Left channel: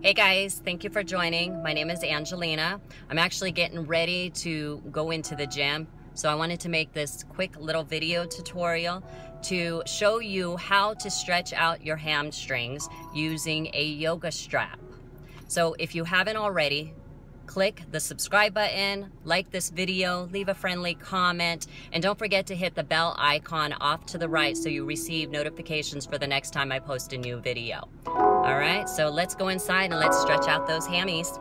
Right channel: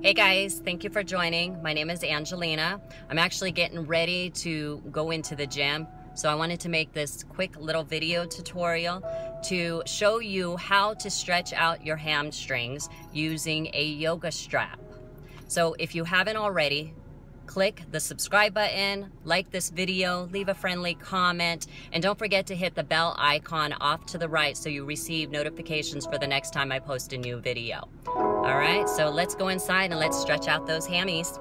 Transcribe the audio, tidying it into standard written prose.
Hey guys, thank you for joining. My name is Angelina. I'm actually getting ready to go into the gym. So I wanted to make this quick little video tutorial to show you how to stretch out your hamstrings using a yoga strap. So if you haven't already, click the subscribe button, like this video, leave a friendly comment, and don't forget to hit the bell icon off to the right so you receive notifications for the next time I post a new video. All right, so let's go inside and let's stretch out those hammies.